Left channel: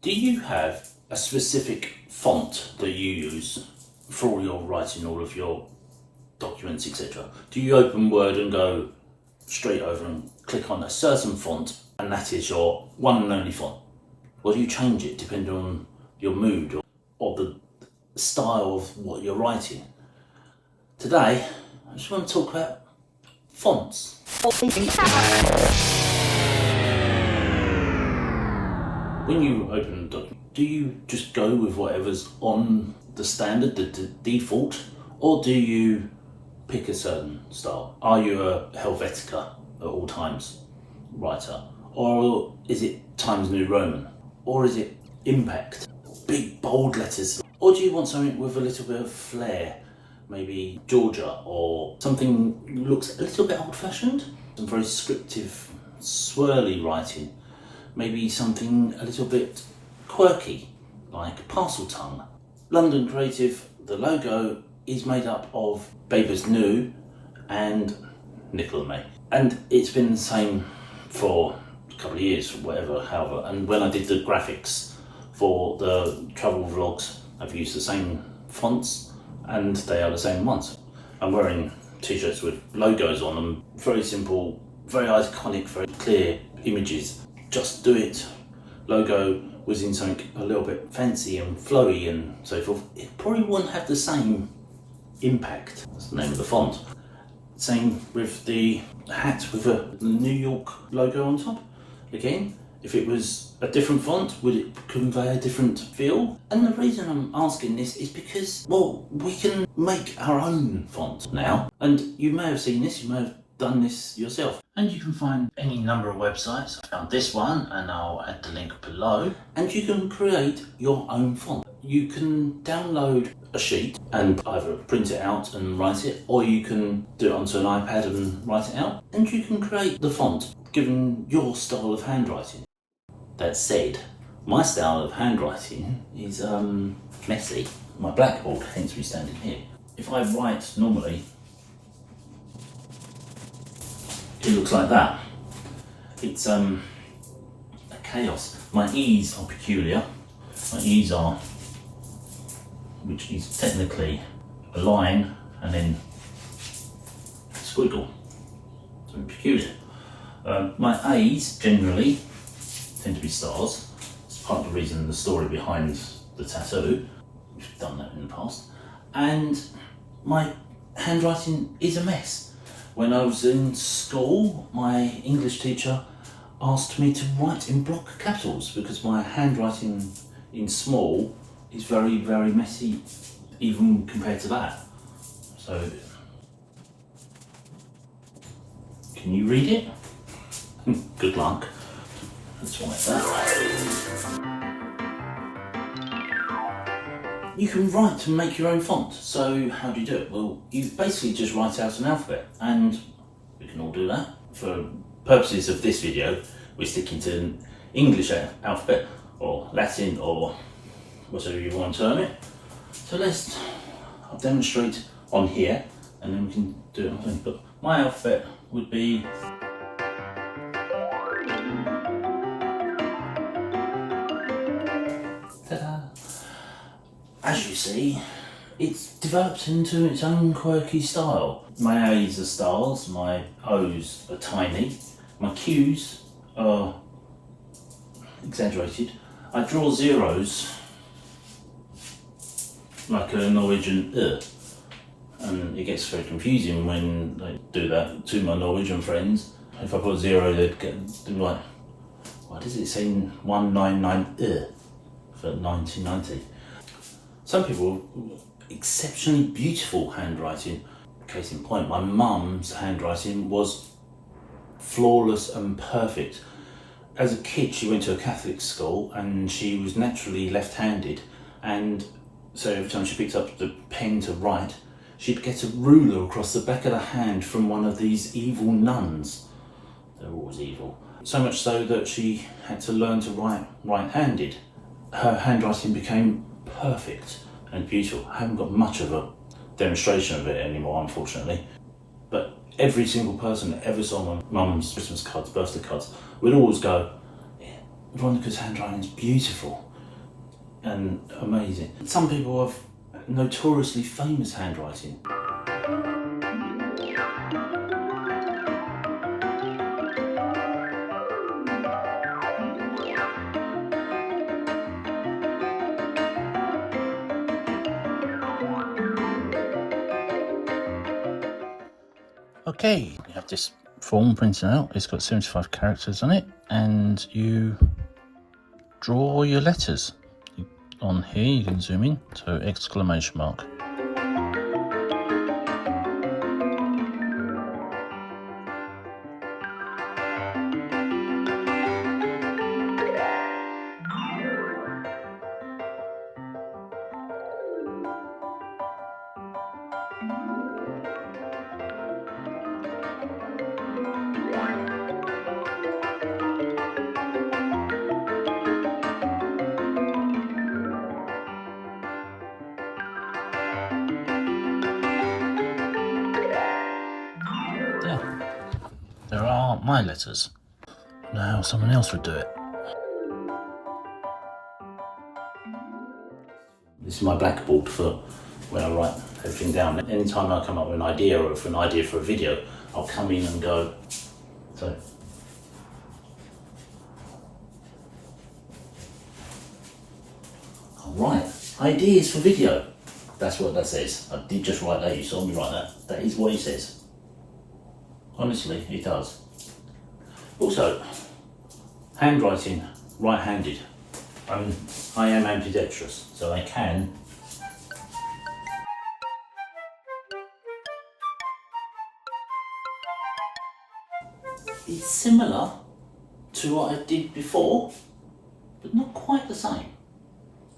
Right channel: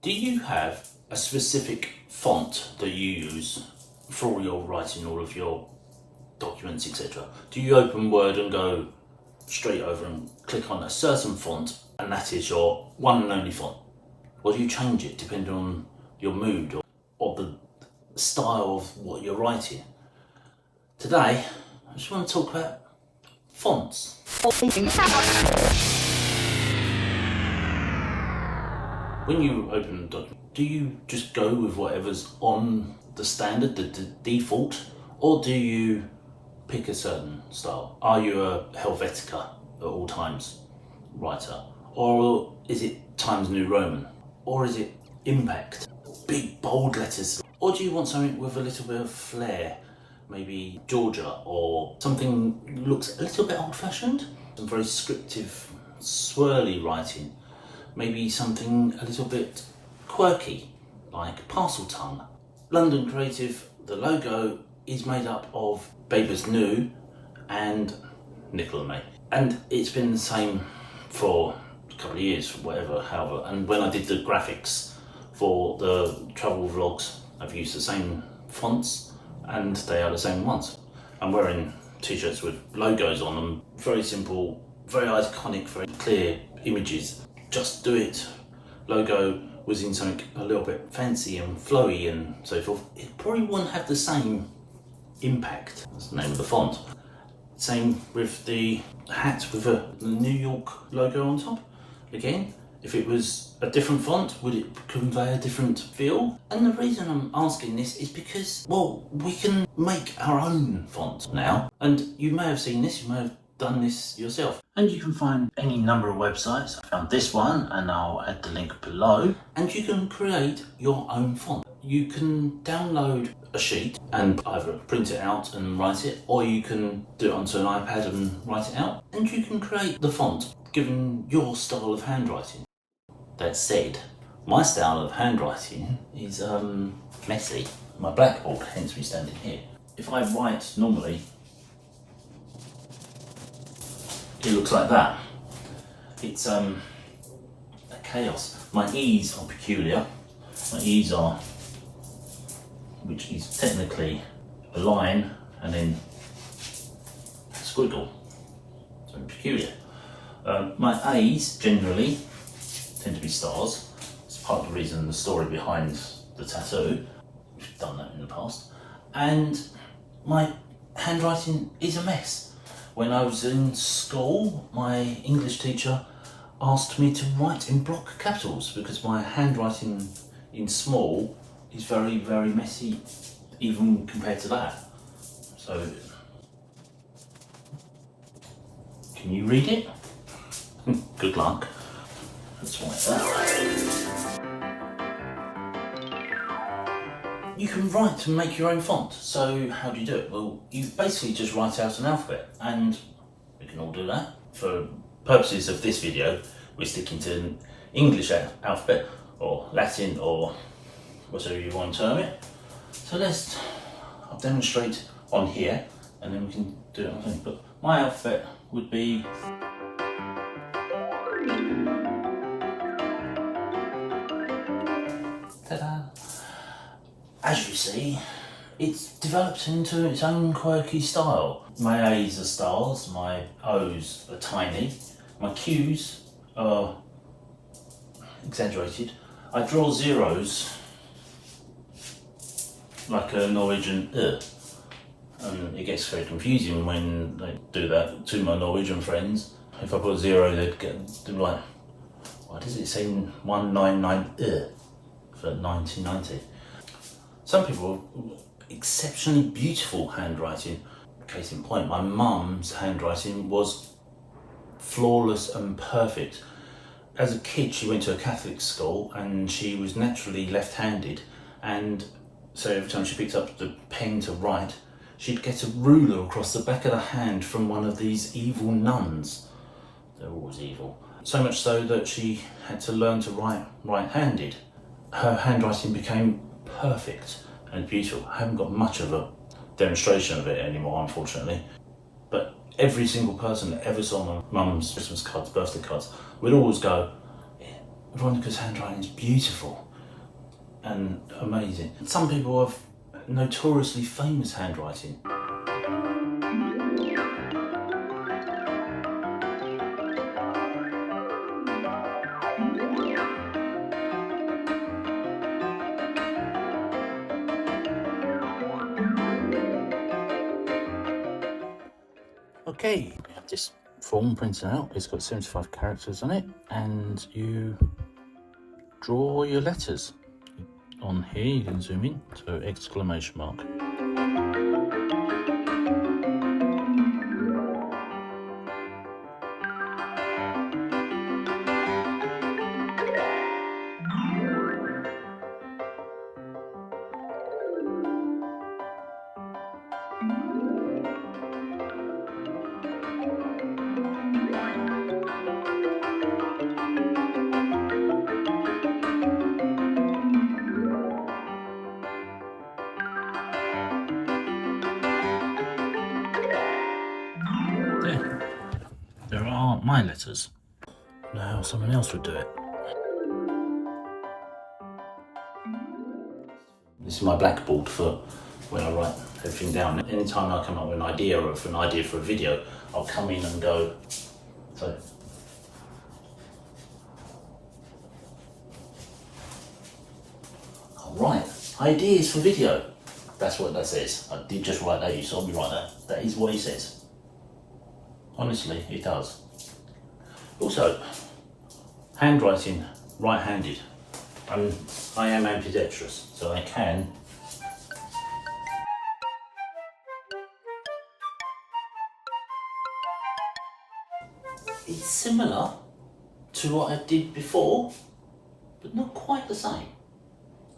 Do you have a specific font that you use for all your writing, all of your documents, etc.? Do you open Word and go straight over and click on a certain font and that is your one and only font? Or do you change it depending on your mood or the style of what you're writing? Today, I just want to talk about fonts. When you open a document, do you just go with whatever's on the standard, the default, or do you pick a certain style? Are you a Helvetica at all times writer? Or is it Times New Roman? Or is it Impact? Big bold letters? Or do you want something with a little bit of flair? Maybe Georgia, or something that looks a little bit old-fashioned? Some very scriptive, swirly writing. Maybe something a little bit quirky, like Parcel Tongue. London Creative, the logo is made up of Babers New and Nickel and May. And it's been the same for a couple of years, however. And when I did the graphics for the travel vlogs, I've used the same fonts and they are the same ones. I'm wearing t-shirts with logos on them, very simple, very iconic, very clear images. Just Do It logo was in something a little bit fancy and flowy and so forth. It probably wouldn't have the same impact. That's the name of the font. Same with the hat with the New York logo on top. Again, if it was a different font, would it convey a different feel? And the reason I'm asking this is because, well, we can make our own font now. And you may have seen this, you may have done this yourself. And you can find any number of websites. I found this one and I'll add the link below. And you can create your own font. You can download a sheet and either print it out and write it, or you can do it onto an iPad and write it out. And you can create the font given your style of handwriting. That said, my style of handwriting is messy. My blackboard, hence me standing here. If I write normally, it looks like that. It's a chaos. My E's are peculiar. My E's are, which is technically a line and then a squiggle. So peculiar. My A's generally tend to be stars. It's part of the reason, the story behind the tattoo. We've done that in the past. And my handwriting is a mess. When I was in school, my English teacher asked me to write in block capitals because my handwriting in small is very, very messy, even compared to that. So, can you read it? Good luck. Let's write that. You can write and make your own font. So how do you do it? Well, you basically just write out an alphabet, and we can all do that. For purposes of this video, we're sticking to an English alphabet, or Latin, or whatever you want to term it. So I'll demonstrate on here, and then we can do it on thing. But my alphabet would be ta-da. As you see, it's developed into its own quirky style. My A's are stars, my O's are tiny, my Q's are exaggerated. I draw zeros like a Norwegian and it gets very confusing when they do that to my Norwegian friends. If I put zero, they'd get like, why does it say 199 for 1990? Some people have exceptionally beautiful handwriting. Case in point, my mum's handwriting was flawless and perfect. As a kid, she went to a Catholic school and she was naturally left-handed, and so every time she picked up the pen to write, she'd get a ruler across the back of the hand from one of these evil nuns. They're always evil. So much so that she had to learn to write right-handed. Her handwriting became perfect and beautiful. I haven't got much of a demonstration of it anymore, unfortunately. But every single person that ever saw my mum's Christmas cards, birthday cards, would always go, Veronica's handwriting is beautiful. and amazing. Some people have notoriously famous handwriting. Okay, we have this form printed out. It's got 75 characters on it, and you draw your letters. On here, you can zoom in, so exclamation mark. Yeah, there are my letters. Now someone else would do it. This is my blackboard for when I write everything down. Anytime I come up with an idea or for an idea for a video, I'll come in and go, so. Alright, ideas for video. That's what that says. I did just write that, you saw me write that. That is what it says. Honestly, it does. Also, handwriting, right-handed. I am ambidextrous, so I can. It's similar to what I did before, but not quite the same.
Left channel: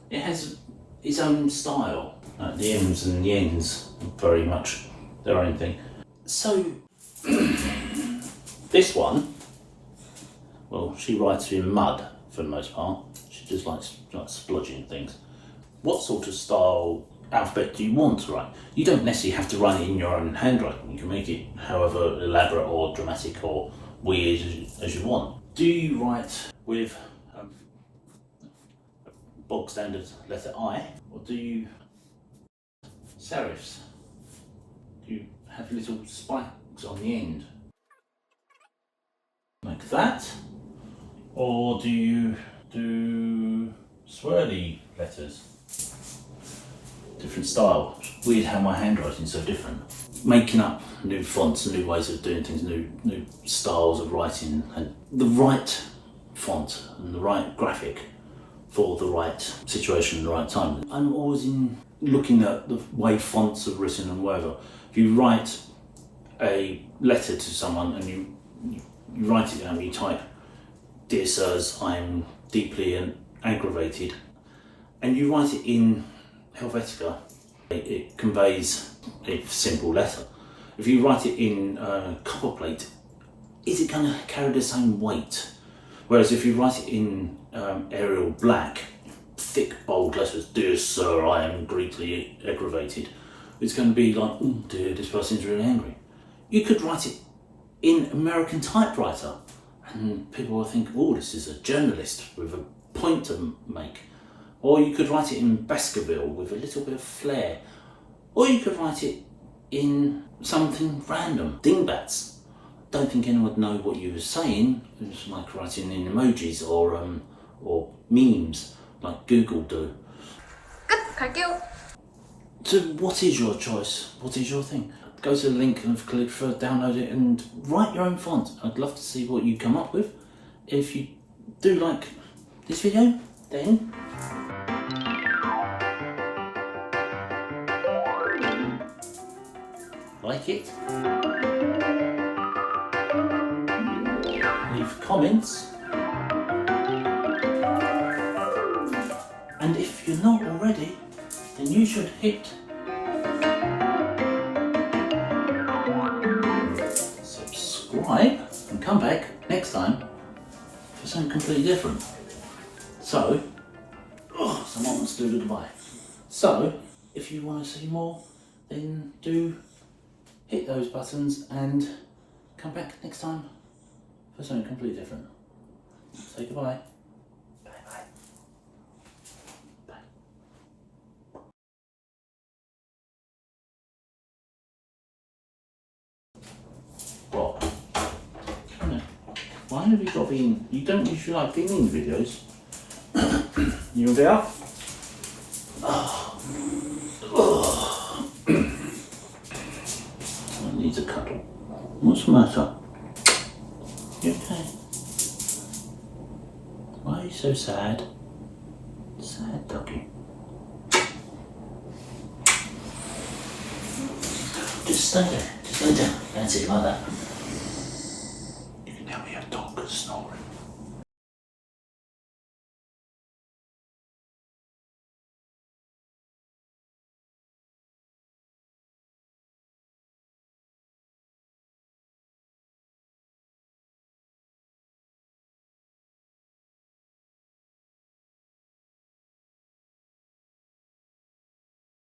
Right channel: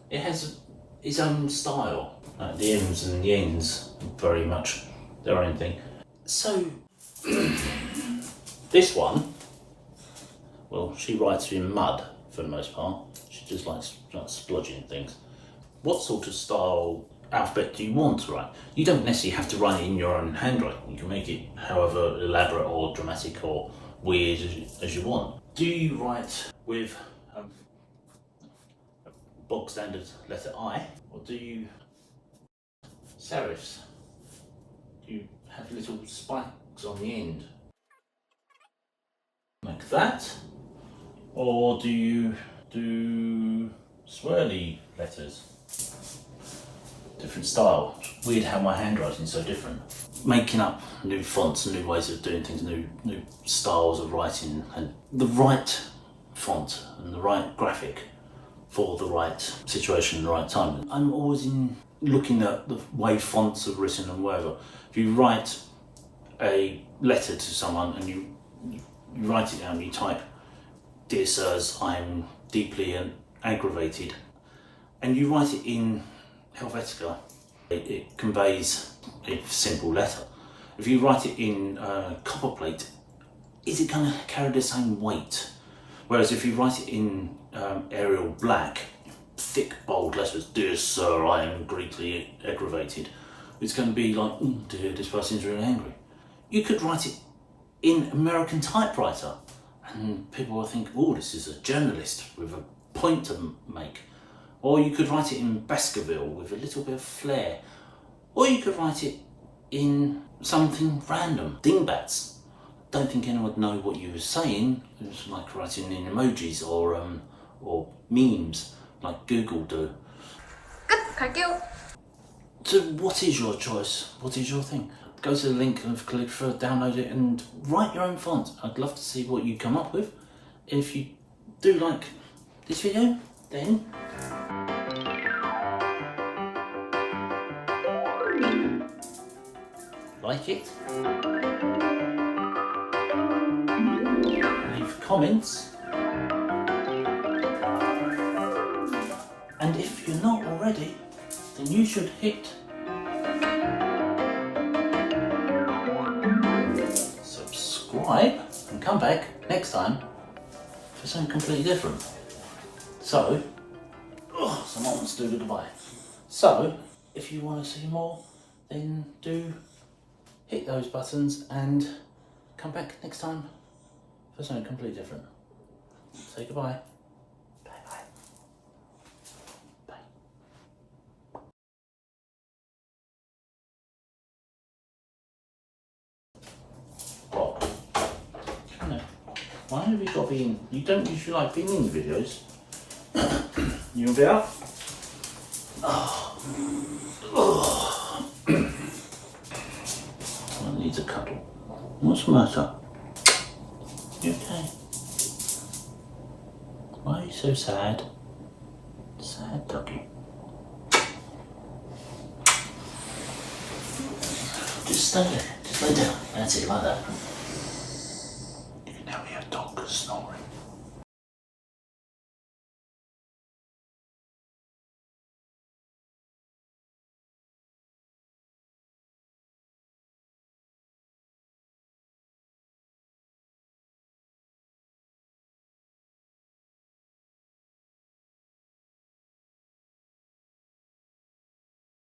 It has its own style. Like the M's and the N's are very much their own thing. So, this one, well, she writes in mud for the most part. She just likes splodging things. What sort of style alphabet do you want to write? You don't necessarily have to write it in your own handwriting. You can make it however elaborate or dramatic or weird as you want. Do you write with a bog standard letter I, or do you serifs? Do you have little spikes on the end? Like that? Or do you do swirly letters? Different style. Weird how my handwriting's so different. Making up new fonts, new ways of doing things, new styles of writing, and the right font and the right graphic for the right situation and the right time. I'm always looking at the way fonts are written and whatever. If you write a letter to someone and you write it down, you type, "Dear sirs, I'm deeply aggravated," and you write it in Helvetica, it conveys a simple letter. If you write it in copperplate, is it going to carry the same weight? Whereas if you write it in Arial black, thick bold letters, "Dear sir, I am greatly aggravated," it's going to be like, "Oh dear, this person's really angry." You could write it in American typewriter and people will think, "Oh, this is a journalist with a point to make." Or you could write it in Baskerville with a little bit of flair. Or you could write it in something random, dingbats. Don't think anyone would know what you were saying. It's like writing in emojis or memes like Google do. 끝! 갈게요! So what is your choice? What is your thing? Go to the link of Calligraphr, download it and write your own font. I'd love to see what you come up with. If you do like this video, then like it. Leave comments. And if you're not already, then you should hit subscribe and come back next time for something completely different. So, someone wants to do the goodbye. So, if you want to see more, then do hit those buttons and come back next time for something completely different. Say goodbye. Bye bye. Bye. Why have you got to be in? You don't usually like being in videos. You gonna be up? Someone needs a cuddle. What's the matter? You okay? Why are you so sad? Sad doggy. Just stay there. Just lay down. That's it, like that.